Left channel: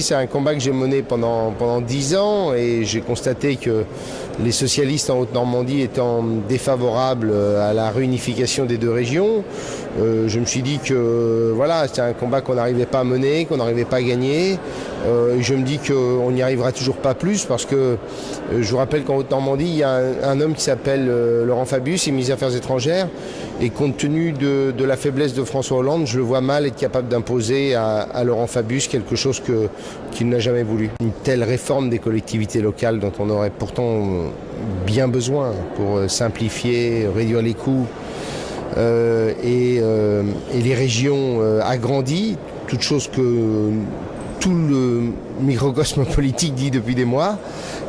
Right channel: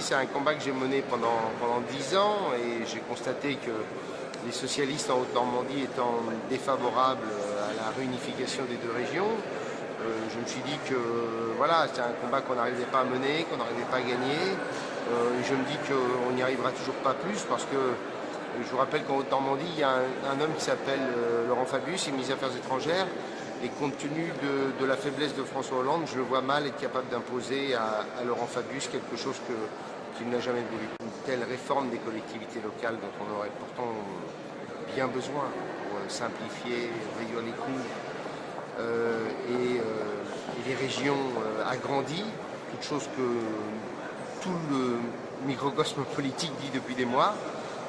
C'est un combat que j'ai mené pendant 10 ans et j'ai constaté que les socialistes en Haute-Normandie étant défavorables à la réunification des deux régions, je me suis dit que voilà, c'était un combat qu'on n'arrivait pas à mener, qu'on n'arrivait pas à gagner. Je me dis qu'on n'y arrivera toujours pas plus parce que je vous rappelle qu'en Haute-Normandie, il y a un homme qui s'appelle Laurent Fabius, il est ministre des Affaires étrangères, et compte tenu de la faiblesse de François Hollande, je le vois mal être capable d'imposer à Laurent Fabius quelque chose qu'il n'a jamais voulu. Une telle réforme des collectivités locales dont on aurait pourtant bien besoin pour simplifier, réduire les coûts et les régions agrandies, toute chose que tout le microcosme politique dit depuis des mois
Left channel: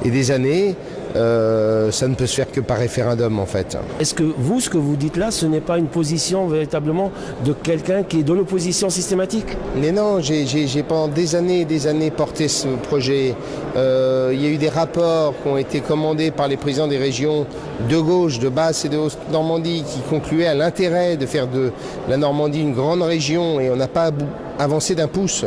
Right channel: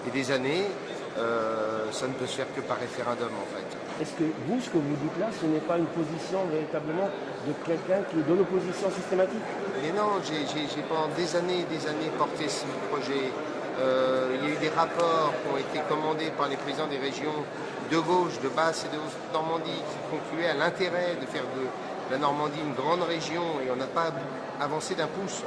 et des années, ça ne peut se faire que par référendum en fait. Est-ce que vous, ce que vous dites là, ce n'est pas une position véritablement de quelqu'un qui est de l'opposition systématique? Mais non, j'ai pendant des années et des années porté ce projet. Il y a eu des rapports qui ont été commandés par les présidents des régions de gauche, de Basse et de Haute-Normandie qui concluaient à l'intérêt de faire de la Normandie une grande région et on n'a pas avancé d'un pouce.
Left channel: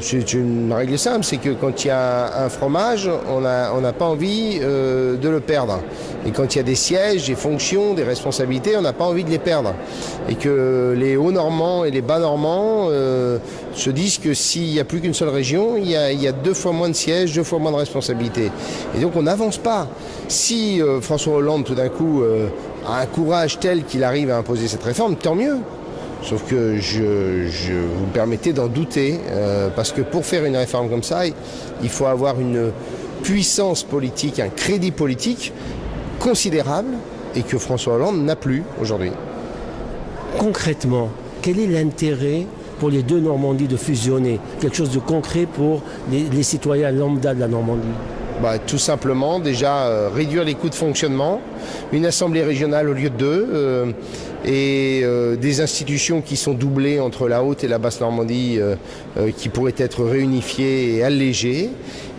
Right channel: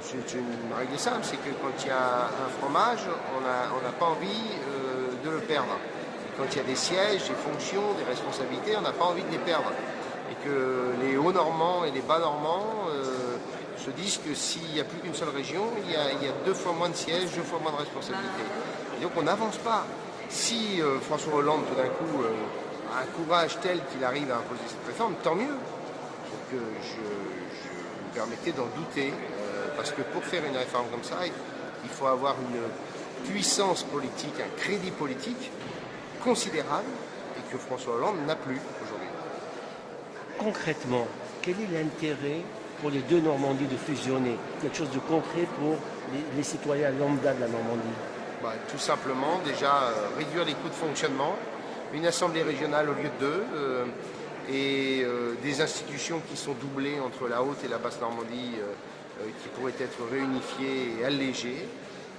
C'est une règle simple, c'est que quand il y a un fromage, on n'a pas envie de le perdre. Et quand il y a des sièges, des fonctions, des responsabilités, on n'a pas envie de les perdre. Et que les Hauts-Normands et les Bas-Normands se disent que s'il n'y a plus qu'une seule région, il y a 2 fois moins de sièges, 2 fois moins de responsabilités. Et donc on n'avance pas. Si François Hollande, tout d'un coup, a un courage tel qu'il arrive à imposer cette réforme, tant mieux. Sauf que je vous permettez d'en douter, parce que pour faire une réforme comme ça, il faut avoir une puissance politique, un crédit politique considérable et que François Hollande n'a plus aujourd'hui. Concrètement, quel est l'intérêt pour les deux Normandies de fusionner? Quelque chose de concret pour les citoyens lambda de la Normandie? Tout simplement, déjà, réduire les coûts de fonctionnement, une assemblée régionale au lieu de 2, et des institutions qui sont doublées entre la Haute et la Basse Normandie qui pourraient être réunifiées et allégées.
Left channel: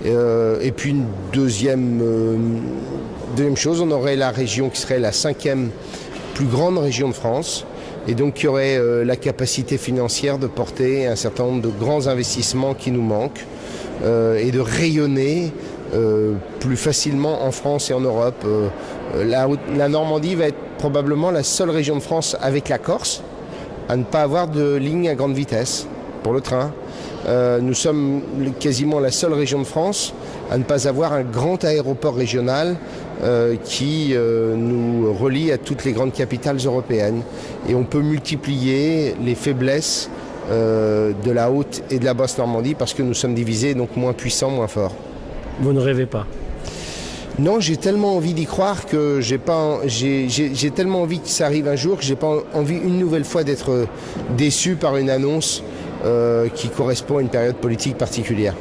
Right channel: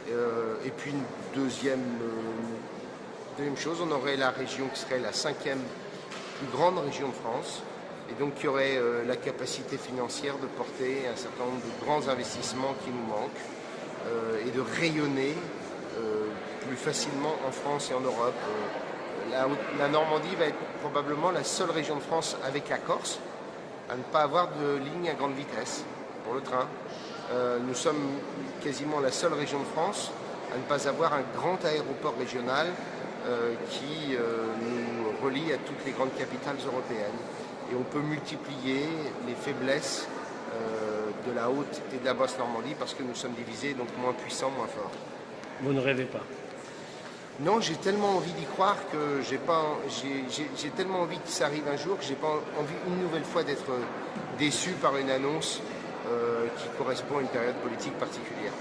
Et puis une deuxième chose, on aurait la région qui serait la 5e plus grande région de France et donc qui aurait la capacité financière de porter un certain nombre de grands investissements qui nous manquent et de rayonner plus facilement en France et en Europe. La Normandie va être probablement la seule région de France avec la Corse à ne pas avoir de ligne à grande vitesse pour le train. Nous sommes quasiment la seule région de France à ne pas avoir un grand aéroport régional qui nous relie à toutes les grandes capitales européennes. Et on peut multiplier les faiblesses de la Haute et de la Basse Normandie parce que nous sommes divisés, donc moins puissants, moins forts. Vous ne rêvez pas? Non, j'ai tellement envie d'y croire que j'ai tellement envie que ça arrive un jour que j'ai pas envie une nouvelle fois d'être déçu par une annonce qui correspond à une période politique particulière.